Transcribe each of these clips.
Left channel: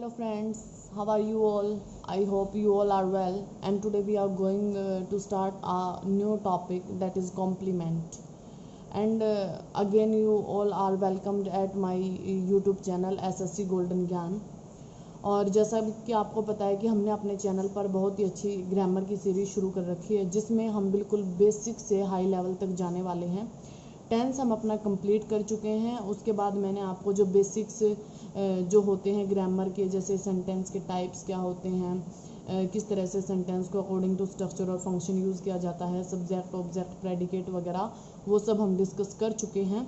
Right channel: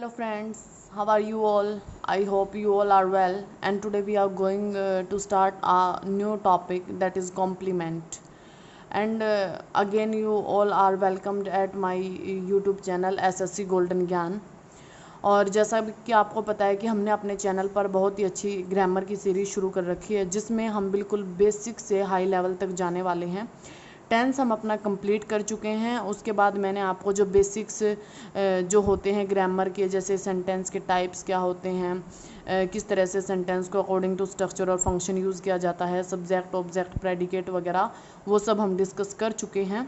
Hello friends, how are you all? I hope you all are well. And today we are going to start a new topic, that is compliment. And again, you all are welcomed at my YouTube channel SSC Golden Gyan. और जैसा कि आपको पता है कि हमने अपने channel पर बहुत ही अच्छी ग्रामर की सीरीज़ शुरू कर रखी है, जिसमें हम बिल्कुल बेसिक से हाई लेवल तक जाने वाले हैं। टेंस हम अपना कंप्लीट कर चुके हैं। उसके बाद मैंने आपको जो बेसिक्स जो होते हैं ग्रामर के, जैसे सेंटेंस के टाइप्स क्या होते हैं, किस तरह से सेंटेंस को अकॉर्डिंग टू स्ट्रक्चर और फंक्शन यूज़ किया जाता है, सब्जेक्ट ऑब्जेक्ट प्रेडिकेट वगैरह, वो सब हम डिस्कस कर चुके हैं।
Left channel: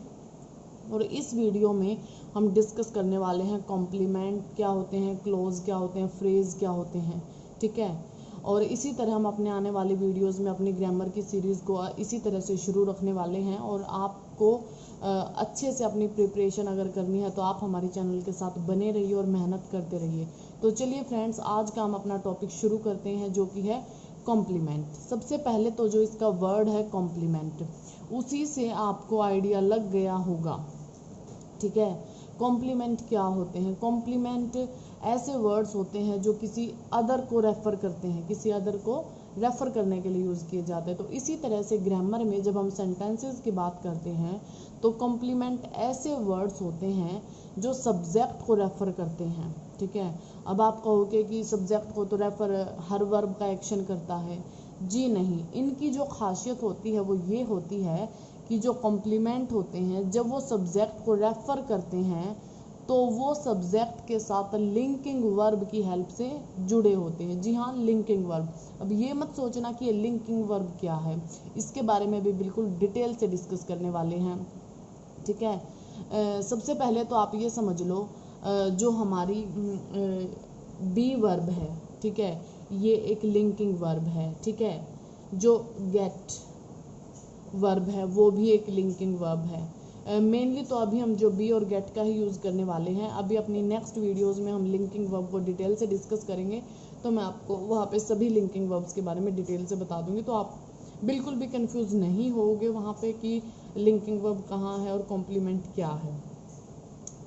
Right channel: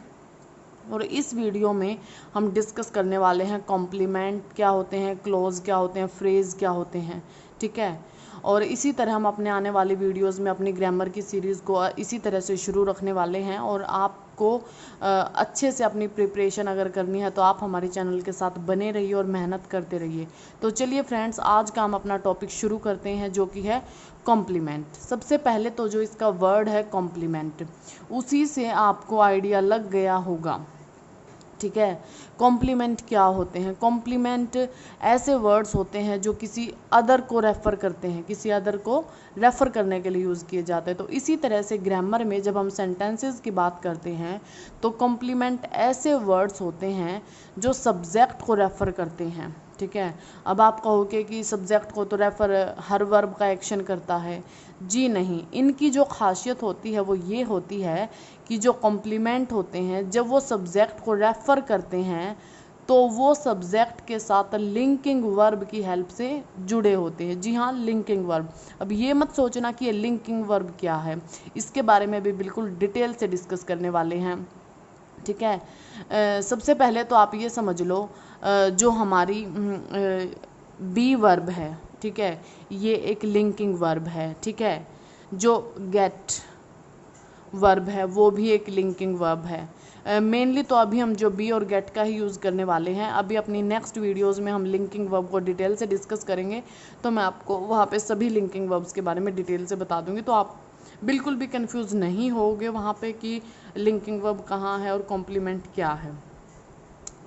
और इस वीडियो में हम डिस्कस करने वाले हैं कॉम्प्लीमेंट क्या होते हैं, क्लोज क्या होते हैं, फ्रेज़ क्या होते हैं, ठीक है। और इसी तरह हम अपने आने वाली वीडियोस में अपनी ग्रामर की सीरीज़ को इसी तरह से शुरू रखने वाले हैं। और आपको अच्छे से अपनी प्रिपरेशन अगर करनी है तो आप हमारे चैनल के साथ बने रहिए और मेहनत करते रहिए। तो चलिए फ्रेंड्स, आज का हम अपना टॉपिक शुरू करते हैं, जो कि है कॉम्प्लीमेंट। सबसे पहले तो जो इसका वर्ड है कॉम्प्लीमेंट, उसी से आपको आइडिया लग गया होगा, ठीक है। कॉम्प्लीमेंट क्या होते हैं? कॉम्प्लीमेंट ऐसे वर्ड्स होते हैं जो किसी अदर को रेफ़र करते हैं, किसी अदर को रेफ़र करने के लिए यूज़ किए जाते हैं। तो इसी तरह से ग्रामर में जब हम सेंटेंसेस की बात करते हैं तो कॉम्प्लीमेंट ऐसे वर्ड्स होते हैं जो सब्जेक्ट को रेफ़र करते हैं, ठीक है। अब आप कहोगे कि सब्जेक्ट को तो रेफ़र हर वर्ब का एक्शन करता है। जी नहीं, इनकी जो खासियत होती है वो ये होती है कि जो कॉम्प्लीमेंट होते हैं जब वो सब्जेक्ट को रेफ़र करते हैं तो वो सब्जेक्ट के साथ लिंकिंग वर्ब की हेल्प से जुड़े होते हैं। जी हाँ, लिंकिंग वर्ब। अब ये मत सोचना कि ये लिंकिंग वर्ब क्या है, इसके बारे में भी बिल्कुल डिटेल से डिस्कस करने वाले हैं, ठीक है। सबसे पहले तो आप ये समझ लो, जो हमारी बी वर्ब है, ठीक है, ये एक लिंकिंग वर्ब है, ठीक है। जो गेट वर्ब है वो भी एक लिंकिंग वर्ब है। मेनली तो अभी हम जो बी और गेट का ही यूज़ करने वाले हैं। अभी अपनी नेक्स्ट वीडियोस में हम लिंकिंग वर्ब को डिटेल से डिस्कस करेंगे, तो मैं आपको वहाँ पे सभी लिंकिंग वर्ब्स के बारे में डिटेल से बता दूंगी, तो आप बिल्कुल भी कंफ्यूज नहीं होगे वहाँ पे कि लिंकिंग वर्ब कहाँ है और कॉम्प्लीमेंट क्या है,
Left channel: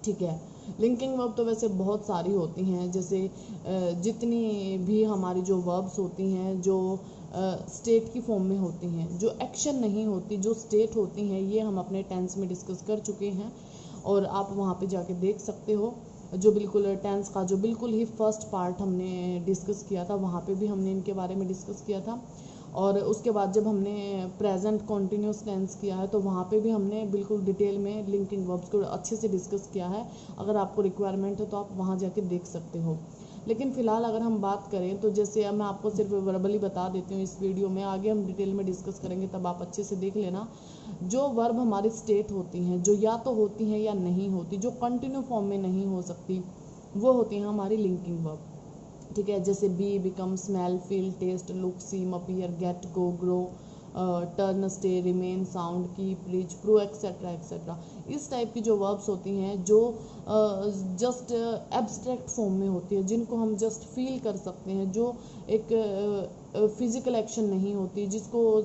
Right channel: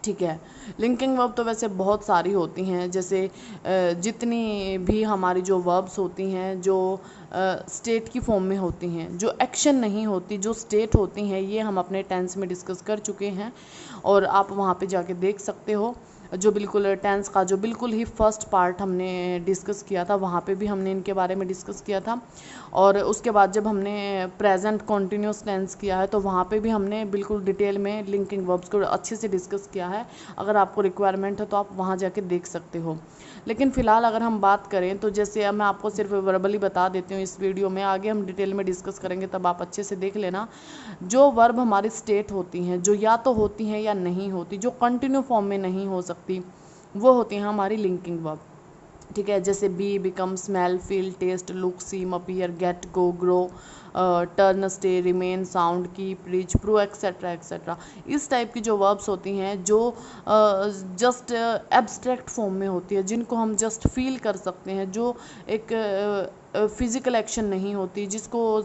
ठीक है। लिंकिंग वर्ब तो वैसे बहुत सारी होती हैं, जैसे जितनी भी हमारी जो वर्ब्स होती हैं जो स्टेट की फॉर्म में होती हैं, जो एक्शन नहीं होती, जो स्टेट होती हैं, ये हम अपने टेंस में डिस्कस कर चुके हैं। और आप वहाँ पे जाके देख सकते हो, जो बिल्कुल टेंस का जो बिल्कुल ही फर्स्ट पार्ट हमने डिस्कस किया था, वहाँ पे भी हमने इनके बारे में डिस्कस किया था। और उसके बाद जब हमने प्रेजेंट कॉन्टिन्यूस टेंस किया है तो वहाँ पे भी हमने बिल्कुल डिटेल में लिंकिंग वर्ब्स को अच्छे से डिस्कस किया है। अगर आपको रिक्वायरमेंट है तो आप वहाँ जाके देख सकते हो। लेकिन फ़िलहाल अगर हम बात करें तो जैसे मैं आपको सिर्फ वर्बली बता देती हूँ इस वीडियो में, आगे हम डिटेल में डिस्कस करेंगे तब आप अच्छे से देख लेना। जो वर्ब हमारी स्टेट होती हैं, जो या तो होती हैं या नहीं होती, जो कंटिन्यू फॉर्म में नहीं हो सकती, वो होती हैं हमारी लिंकिंग वर्ब, ठीक है। जैसे be, become, smell, feel, taste, look, seem, appear, get, go, grow, turn, stay, remain, sound, keep, reach, prove, etcetera etcetera. इस टाइप की जो वर्ब्स होती हैं जो जस्ट एब्स्ट्रैक्ट फॉर्म में होती है, जिनको हम जस्ट फील कर सकते हैं, जो एक फिजिकल एक्शन नहीं होती, जिसको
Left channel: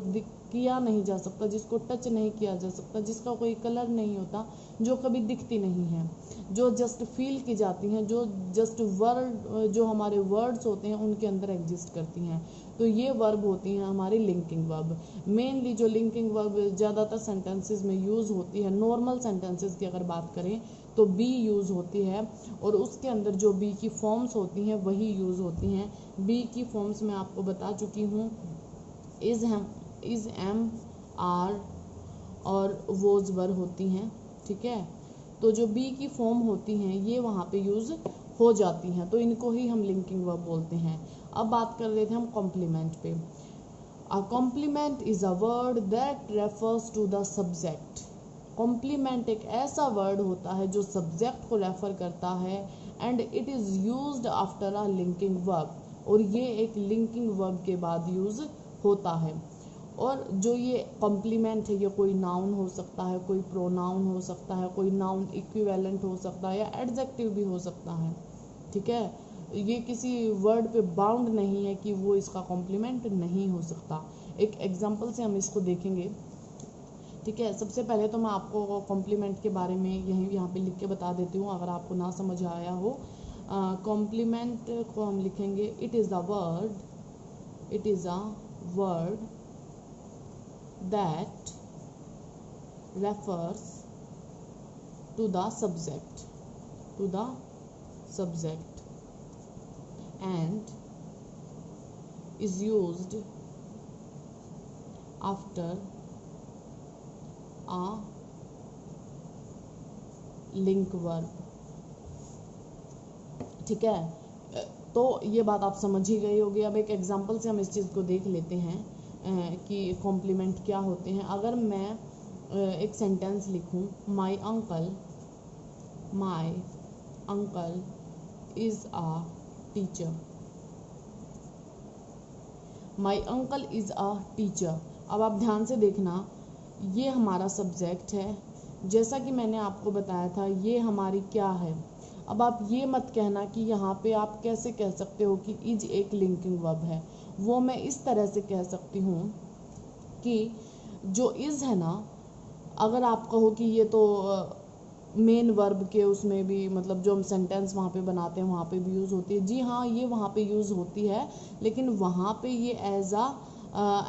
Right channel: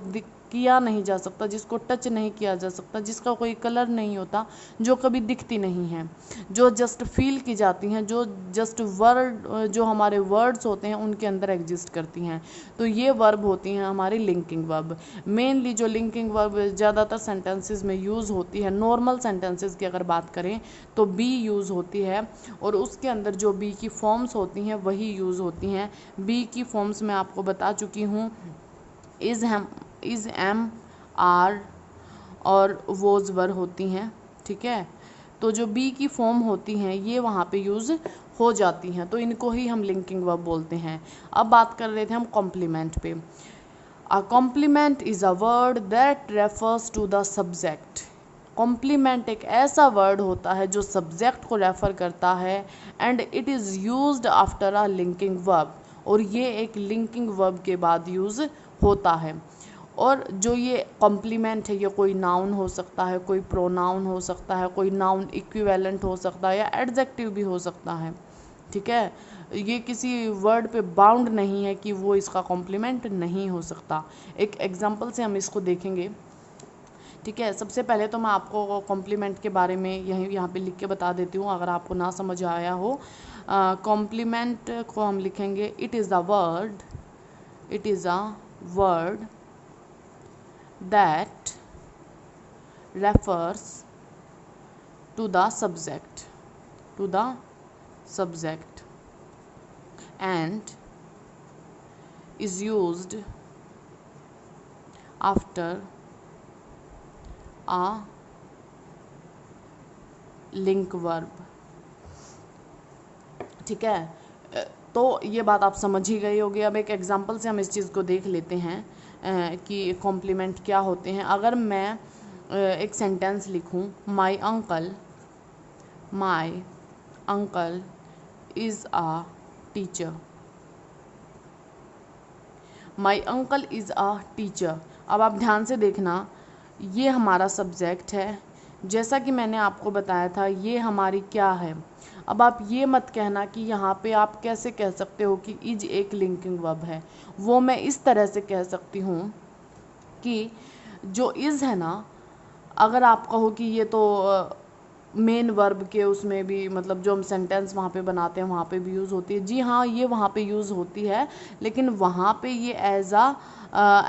किया नहीं जा सकता, जिसको टच नहीं किया जा सकता, जिसका कोई कलर नहीं होता, जो कभी दिखती नहीं है, जो जस्ट फील की जाती हैं, जो जस्ट वर्ड, जो हमारे वर्ड्स होते हैं उनके अंदर एग्जिस्ट करती हैं, तो ये वर्ब होती हैं हमारी लिंकिंग वर्ब। मेनली जो लिंकिंग वर्ब ज़्यादातर सेंटेंसेस में यूज़ होती है, नॉर्मल सेंटेंसेस की अगर बात करें तो बी यूज़ होती है, और उसके अंदर जो बी की फॉर्म्स होती हैं वही यूज़ होती हैं। बी की फॉर्म्स मैं आपको बता चुकी हूँ, इज़, एम, आर और वोज वर होती हैं, ठीक है। तो जो बी की फॉर्म होती हैं ये वहाँ पे यूज़ हो जाती हैं, तो इनको ही हम लिंकिंग वर्ब बोलते हैं। अब बात कर रहे थे हम कॉम्प्लीमेंट पे। A complement is a word that refers to the subject. Complement एक ऐसा वर्ड होता है जो सब्जेक्ट को रेफ़र करता है, and it is used after a linking verb, और ये एक लिंकिंग वर्ब के बाद यूज़ होता है। और जो ये कॉम्प्लीमेंट है, ये कोई नाउन हो सकता है, कोई प्रोनाउन हो सकता है, कोई नाउन इक्विवेलेंट हो सकता है, या एडजेक्टिव भी हो सकता है, ठीक है। ये किसी वर्ड पे बाउंड नहीं है कि वो इसका कॉम्प्लीमेंट नहीं हो सकता। एक एग्जांपल से हम इसको देखेंगे, ठीक है। सबसे पहले तो मैं आपको कॉम्प्लीमेंट के बारे में यहाँ पे लिख के बता देती हूँ, अगर आपको ना समझ आया हो। कॉम्प्लीमेंट को हम लिखेंगे it is a word that refers to the subject and is used after a link verb। ठीक है, तो ये बात आप समझ ही गए होगे। अब एक एग्जांपल से हम इस चीज़ को देख लेते हैं कि कॉम्प्लीमेंट क्या होते हैं। अगर मैं एक सेंटेंस लिखूं, my uncle is a teacher, my uncle is a teacher. अब आप ध्यान से देखना, ये हमारा सब्जेक्ट है, जैसा कि मैंने आपको बताया था ये हमारी क्या है। अब आप ये मत कहना कि यहाँ पे आप कैसे कह सकते हो कि इज एक लिंकिंग वर्ब है। वो मैं इस तरह से कह सकती हूँ कि जो इज़ है ना, अगर आप कहो कि ये तो मेन वर्ब के उसमें भी, मतलब जो हम सेंटेंस वहाँ पे बनाते हैं वहाँ पे भी यूज़ होती है। जी हाँ, ये वहाँ पे यूज़ होती है, लेकिन वहाँ पे ये as a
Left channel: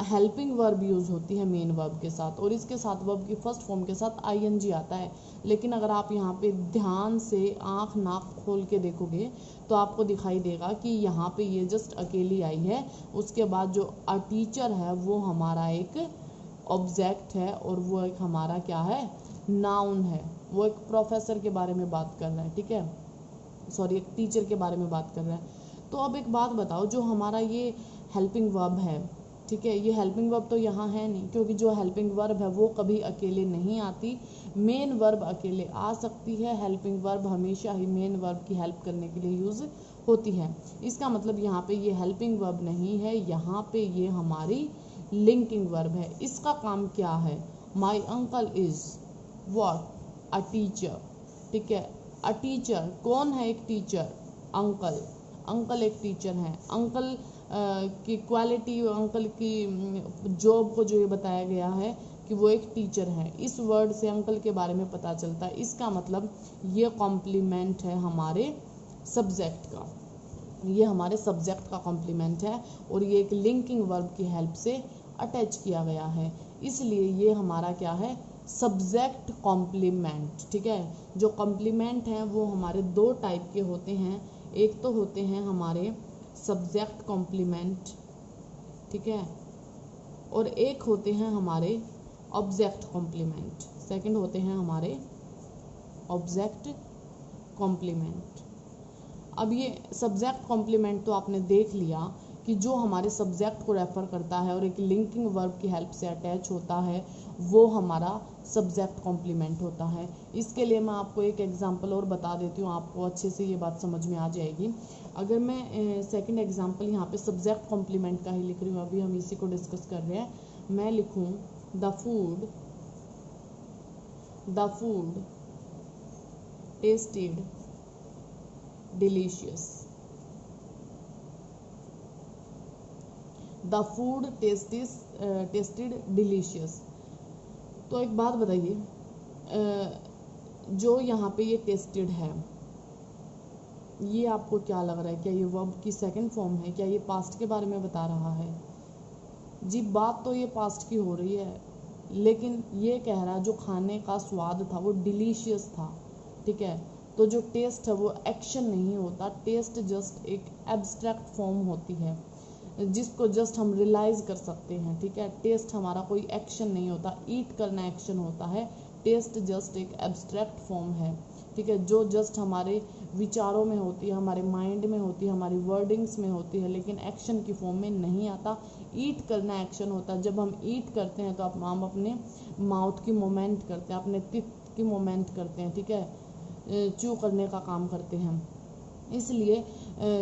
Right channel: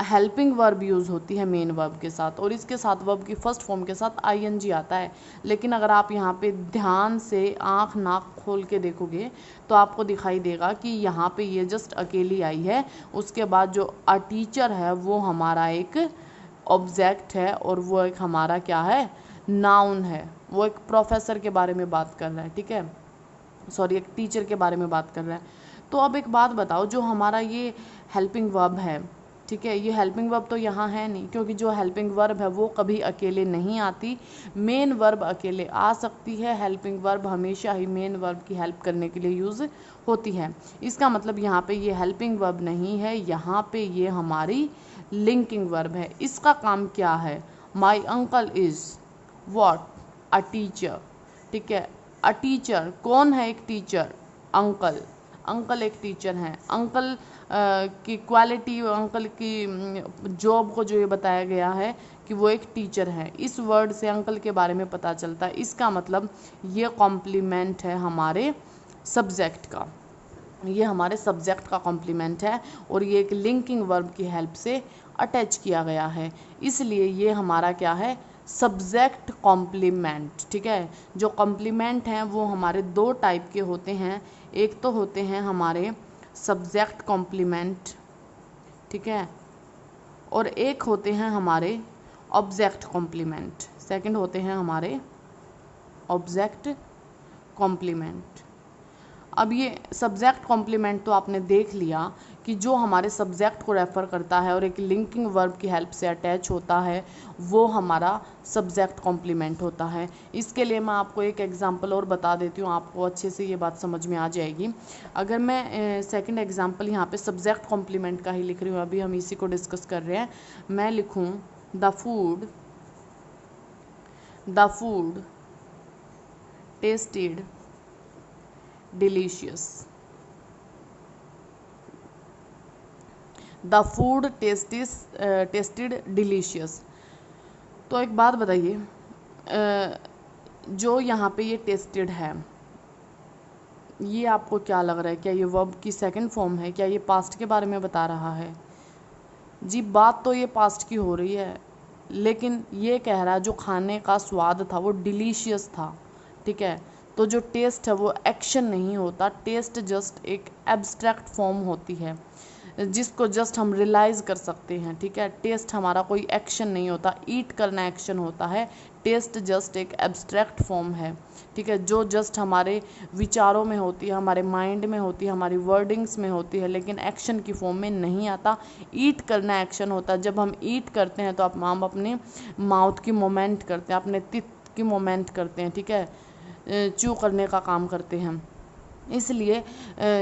helping verb use होती है मेन वर्ब के साथ, और इसके साथ वर्ब की फर्स्ट फॉर्म के साथ आईएनजी आता है। लेकिन अगर आप यहाँ पे ध्यान से आँख नाक खोल के देखोगे तो आपको दिखाई देगा कि यहाँ पे ये जस्ट अकेली आई है। उसके बाद जो अ टीचर है वो हमारा एक ऑब्जेक्ट है, और वो एक हमारा क्या है, नाउन है। वो एक प्रोफेसर के बारे में बात कर रहा है, ठीक है, सॉरी एक टीचर के बारे में बात कर रहा है। तो अब एक बात बताओ, जो हमारा ये हेल्पिंग वर्ब है, ठीक है, ये हेल्पिंग वर्ब तो यहाँ है नहीं, क्योंकि जो हेल्पिंग वर्ब है वो कभी अकेले नहीं आती। मेन वर्ब अकेले आ सकती है, हेल्पिंग वर्ब हमेशा ही मेन वर्ब की हेल्प करने के लिए यूज़ होती है। इसका मतलब यहाँ पे ये हेल्पिंग वर्ब नहीं है, यहाँ पे ये हमारी लिंकिंग वर्ब है। इसका काम क्या है, my uncle is what, a teacher. ठीक है, अ टीचर कौन है, एक टीचर, अंकल एक टीचर हैं। अंकल की क्वालिटी, अंकल की जॉब को जो ये बताया गया है कि वो एक टीचर है, इस वर्ड से अंकल के बारे में पता चलता है। इसका मतलब ये कॉम्प्लीमेंट है हमारे सब्जेक्ट का, ये हमारे सब्जेक्ट का कॉम्प्लीमेंट है, और ये एक लिंकिंग वर्ब की हेल्प से अटैच किया गया है, इसलिए ये हमारा क्या है, सब्जेक्ट कॉम्प्लीमेंट। ठीक है, जो कॉम्प्लीमेंट हैं वो हमारे दो टाइप के होते हैं। एक तो होते हैं हमारे सब्जेक्ट कॉम्प्लीमेंट, ठीक है, और एक होते हैं हमारे ऑब्जेक्ट कॉम्प्लीमेंट। सेकंड होते हैं हमारे ऑब्जेक्ट कॉम्प्लीमेंट। अब ये सब्जेक्ट कॉम्प्लीमेंट तो आपने देख लिया कि जो हमारे सब्जेक्ट को रेफ़र करता है और एक लिंकिंग वर्ब की हेल्प से अटैच होता है, वो हमारा सब्जेक्ट कॉम्प्लीमेंट होता है। इसके लिए मैं आपको एक एग्जांपल और बता देती हूँ, आपको अच्छे से ये बात समझ में आ जाएगी। अगर मैं सेकंड एग्जांपल यहाँ पे सब्जेक्ट कॉम्प्लीमेंट का ही लिख रही हूँ, अभी हम इसी को डिस्कस कर रहे हैं। मैं लिखूँ the food tested delicious. The food tested delicious. तो एक बात बताइए, जो यहाँ पे ये टेस्टेड है, ये आपको क्या लग रहा है, क्या ये वर्ब की सेकंड फॉर्म है, क्या ये पास्ट के बारे में बता रहा है? जी, बात तो ये पास्ट की हो रही है, लेकिन ये कह रहा है जो खाने का स्वाद था वो डिलीशियस था। ठीक है, तो जो टेस्ट है वो एक्शन नहीं होता, टेस्ट जस्ट एक एब्स्ट्रैक्ट फॉर्म होती है जिसको जस्ट हम रियलाइज कर सकते हैं। ठीक है, टेस्ट हमारा कोई एक्शन नहीं होता, ईट करना एक्शन होता है, टेस्ट जस्ट एक एब्स्ट्रैक्ट फॉर्म है। ठीक है, जो जस्ट हमारे विचारों में होती है, हमारे माइंड में होती है, हमारी वर्डिंग्स में होती है, लेकिन एक्शन की फॉर्म में नहीं आता। ईट करना एक्शन होता है। जब हम ईट करते हैं तो हम अपने माउथ की मोमेंट करते हैं, अपने टिथ की मोमेंट करते हैं। ठीक है, च्यू करने का काम करते हैं। इसलिए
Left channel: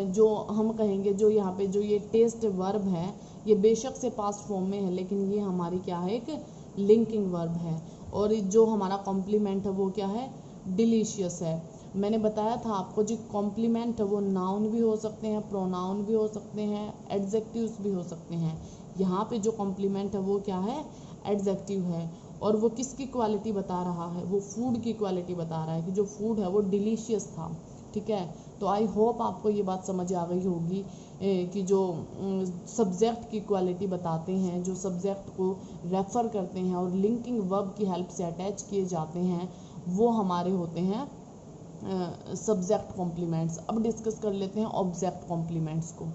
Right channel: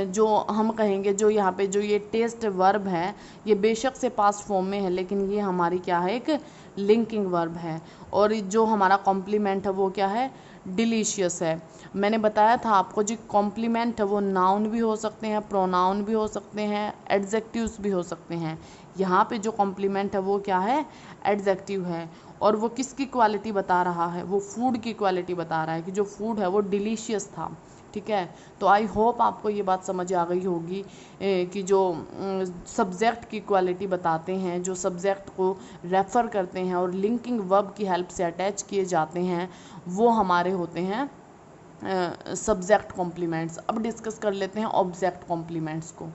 जो हम कहेंगे, जो यहाँ पे जो ये टेस्ट वर्ब है, ये बेशक से पास्ट फॉर्म में है, लेकिन ये हमारी क्या है, एक लिंकिंग वर्ब है। और जो हमारा कॉम्प्लीमेंट है वो क्या है, डिलीशियस है। मैंने बताया था आपको, जो कॉम्प्लीमेंट है वो नाउन भी हो सकते हैं, प्रोनाउन भी हो सकते हैं, एडजेक्टिव्स भी हो सकते हैं। यहाँ पे जो कॉम्प्लीमेंट है वो क्या है, एडजेक्टिव है। और वो किसकी क्वालिटी बता रहा है, वो फूड की क्वालिटी बता रहा है कि जो फूड है वो डिलीशियस था। ठीक है। तो आई होप आपको ये बात समझ आ गई होगी कि जो सब्जेक्ट की क्वालिटी बताते हैं, जो सब्जेक्ट को रेफ़र करते हैं और लिंकिंग वर्ब की हेल्प से अटैच किए जाते हैं, वो हमारे होते हैं सब्जेक्ट कॉम्प्लीमेंट्स। अब डिस्कस कर लेते हैं ऑब्जेक्ट कॉम्प्लीमेंट्स को।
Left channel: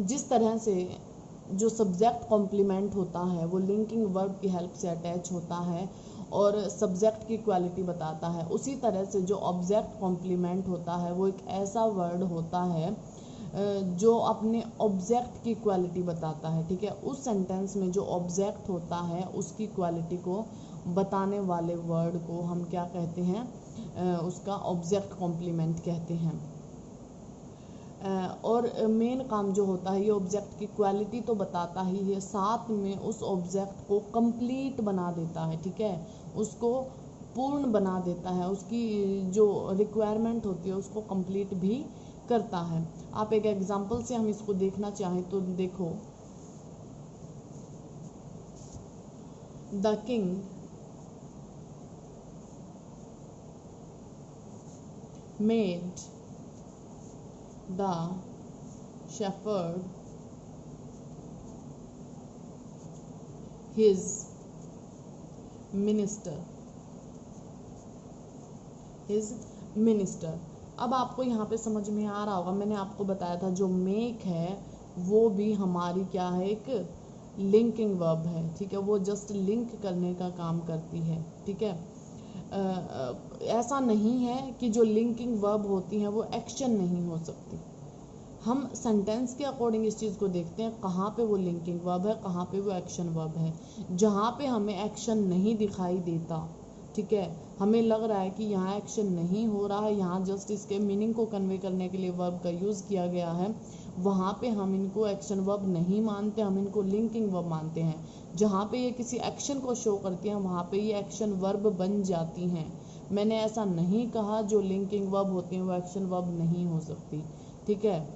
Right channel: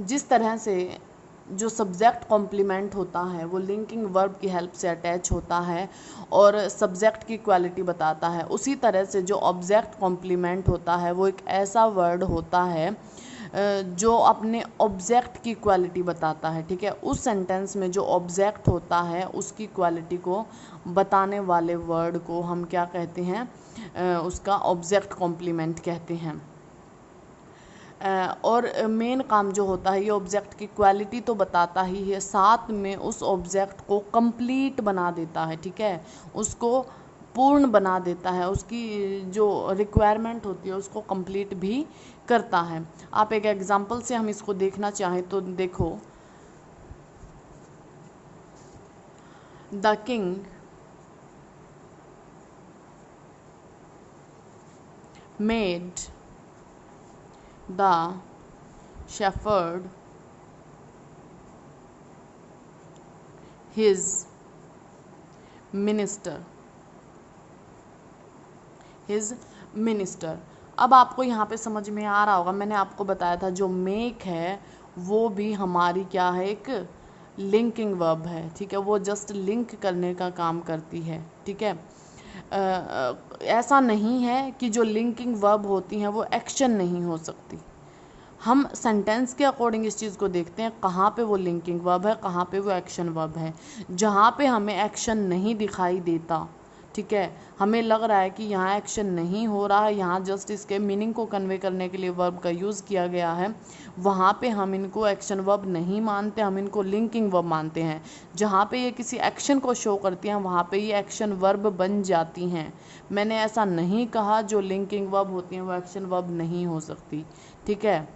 जिस तरह से जो सब्जेक्ट कॉम्प्लीमेंट होता है वो लिंकिंग वर्ब की हेल्प से अटैच होता है और सब्जेक्ट की क्वालिटी बताता है, उसी तरह से जो ऑब्जेक्ट कॉम्प्लीमेंट होता है वो एक ऐसा वर्ड होता है जो अपने ऑब्जेक्ट की क्वालिटी बताता है, ठीक है। उस सेंटेंस में जो ऑब्जेक्ट होता है उसकी क्वालिटी को बताने वाले वर्ड को हम क्या कहते हैं, उसका ऑब्जेक्ट कॉम्प्लीमेंट कहते हैं। और मेन काम जो होता है, ये ऑब्जेक्ट की क्वालिटी तो बताता ही है, साथ में उस ऑब्जेक्ट को कंप्लीट बना देता है, ठीक है, उसको पूर्ण बना देता है, उसकी जो रिक्वायरमेंट होती है उसको कंप्लीट भी करता है। आप एक एग्जांपल से हम इसको देखना चाहें तो देखो, the king made the shepherd his minister, his minister। अब आपको यहाँ पे समझ में आ रहा होगा, मैंने आपको बताया था जो मेक है वो भी हमारी क्या है, एक लिंकिंग वर्ब है, ठीक है, वो जस्ट लिंक करने का काम करती है, ठीक है। ऐसा नहीं है कि जो लिंकिंग वर्ब होती हैं वो एक्शन नहीं हो सकती। हम सेंटेंस के अकॉर्डिंग इस चीज़ को देखते हैं, कहाँ पे वो लिंकिंग वर्ब है, कहाँ पे वो एक्शन वर्ब है। जहाँ पे हमें एक्शन नहीं दिखाई देता, ठीक है, हमें लग रहा है कि यहाँ एक्शन नहीं हो रहा है, यहाँ जस्ट इसके मीनिंग को कन्वे करने के लिए वर्ब का यूज़ किया गया है, वहाँ पे हम इनको एक्शन वर्ब नहीं मानते, हम इनको लिंकिंग वर्ब मानते हैं। जहाँ पे ये किसी एक्शन को शो करती हैं वहाँ पे ये एक्शन वर्ब बन जाती हैं। मैंने ऐसा नहीं कहा जो लिंकिंग वर्ब होती हैं वो एक्शन वर्ब नहीं हो सकती, ठीक है,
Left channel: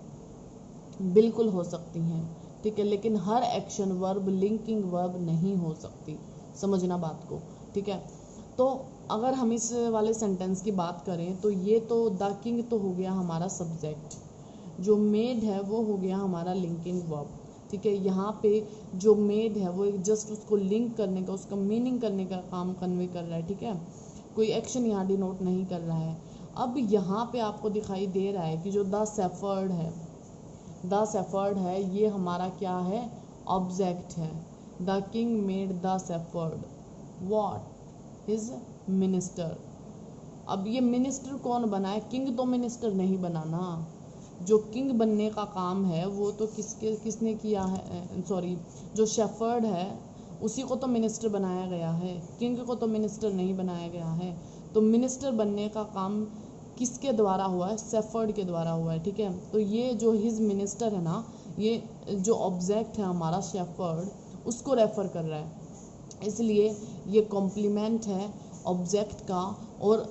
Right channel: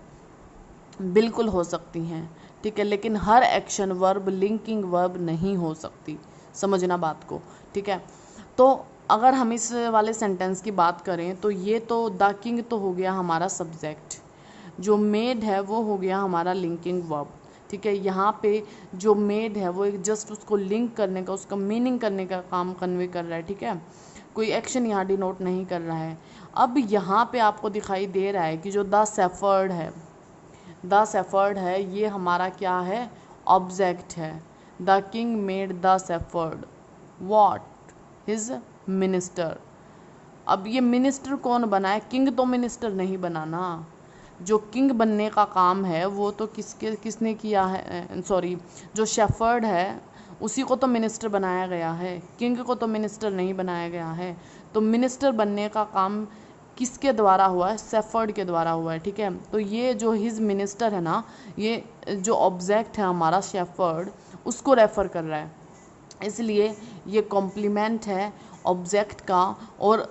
बिल्कुल हो सकती हैं, ठीक है, लेकिन हर एक्शन वर्ब लिंकिंग वर्ब नहीं हो सकती, समझना बात को, ठीक है। तो अगर हम इस वाले सेंटेंस की बात करें तो ये तो द किंग तो हो गया हमारा सब्जेक्ट, जो मेड है वो हो गया हमारा लिंकिंग वर्ब, ठीक है। यहाँ पे जो मेड है वो एक जस्ट उसको लिंक करने का, उसका मीनिंग करने का काम कन्वे कर रहा है, ठीक है, कोई एक्शन यहाँ डिनोट नहीं कर रहा है। अब यहाँ पे आपको दिखाई दे रहा है कि जो द शेफर्ड है, द शेफर्ड है, ये हमारा क्या है, ऑब्जेक्ट है। The king made the shepherd what, his minister. अब ये मिनिस्टर कौन बना है, किंग तो मिनिस्टर नहीं बना ना। जो किंग बनने का काम है वो तो किसने किया है, सॉरी, जो शेफर्ड है उसी को तो मिनिस्टर बनाया गया है, किंग को तो मिनिस्टर नहीं बनाया गया है। तो मिनिस्टर बनने का काम किसके द्वारा हुआ है, शेफर्ड के द्वारा हुआ है, ठीक है। तो ये जो हिज मिनिस्टर है ना, ये जो ऑब्जेक्ट है हमारा शेफर्ड, उसको रेफर कर रहा है, इसलिए ये कॉम्प्लीमेंट है ऑब्जेक्ट का, और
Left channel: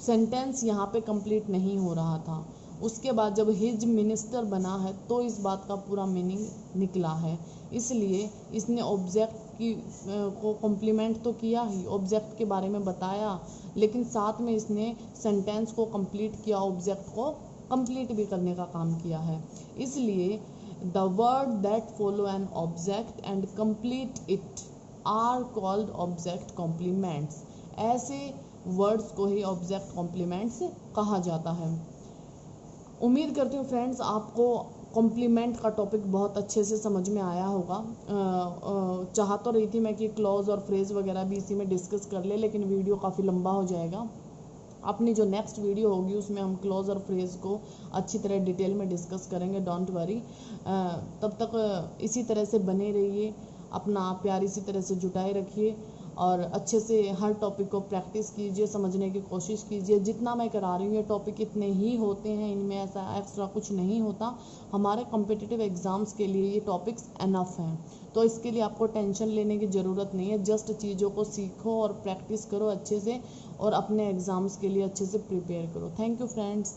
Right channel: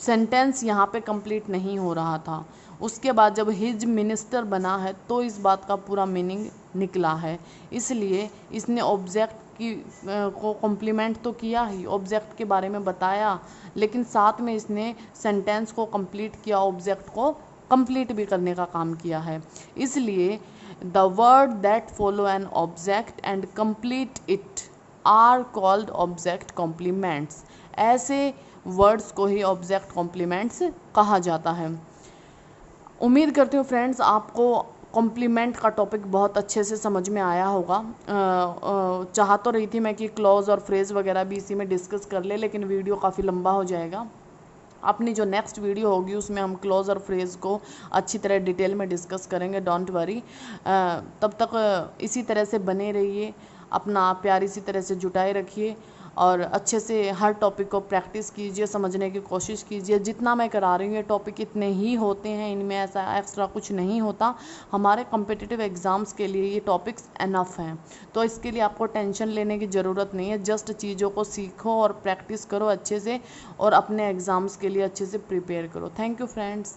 सेंटेंस यहाँ पे कंप्लीट नहीं हो रहा था। उसके बाद जब हिज मिनिस्टर बना है तो इस बात का पूरा मीनिंग निकला है, इसलिए इसने ऑब्जेक्ट की को कॉम्प्लीमेंट तो किया ही, ऑब्जेक्ट के बारे में बताया, लेकिन साथ में इसने सेंटेंस को कंप्लीट किया, ऑब्जेक्ट को कंप्लीट भी करने का काम किया है। इसलिए the word that follow an object and complete it are called object complements. ऐसे वर्ड्स को ही ऑब्जेक्ट कॉम्प्लीमेंट्स कहा जाता है। उम्मीद करती हूँ फ्रेंड्स आपको कॉम्प्लीमेंट का टॉपिक बहुत अच्छे से समझ में आया होगा। चाह तो रही थी मैं कि क्लॉज और फ्रेज़ वगैरह भी इसी में डिस्कस कर ले, लेकिन वीडियो काफ़ी लंबा हो जाएगा। अपनी जो नेक्स्ट वीडियो होगी उसमें हम क्लॉज और फ्रेज़ को अच्छी तरह डिटेल में डिस्कस करेंगे, डोंट वरी। तब तक इसी तरह से बने रहिए, अपना प्यार इसी तरह से जुटाए रखिए और अच्छे से हर टॉपिक को प्रैक्टिस कीजिए, समझने की कोशिश कीजिए। जितना मैं करा रही हूँ ये टॉपिक इतने ही होते हैं, इनमें ऐसा एक्स्ट्रा कुछ नहीं होता। हमारे कॉम्पिटिटिव एग्ज़ाम्स के लिए ये टॉपिक्स एनफ हैं, तो इसके लिए आपको टेंशन लेने की ज़रूरत नहीं है। जस्ट चीज़ों को सीखो और प्रैक्टिस करो अच्छे से और अपने एग्ज़ाम्स के लिए अच्छे से प्रिपेयर करो। Thank you friends.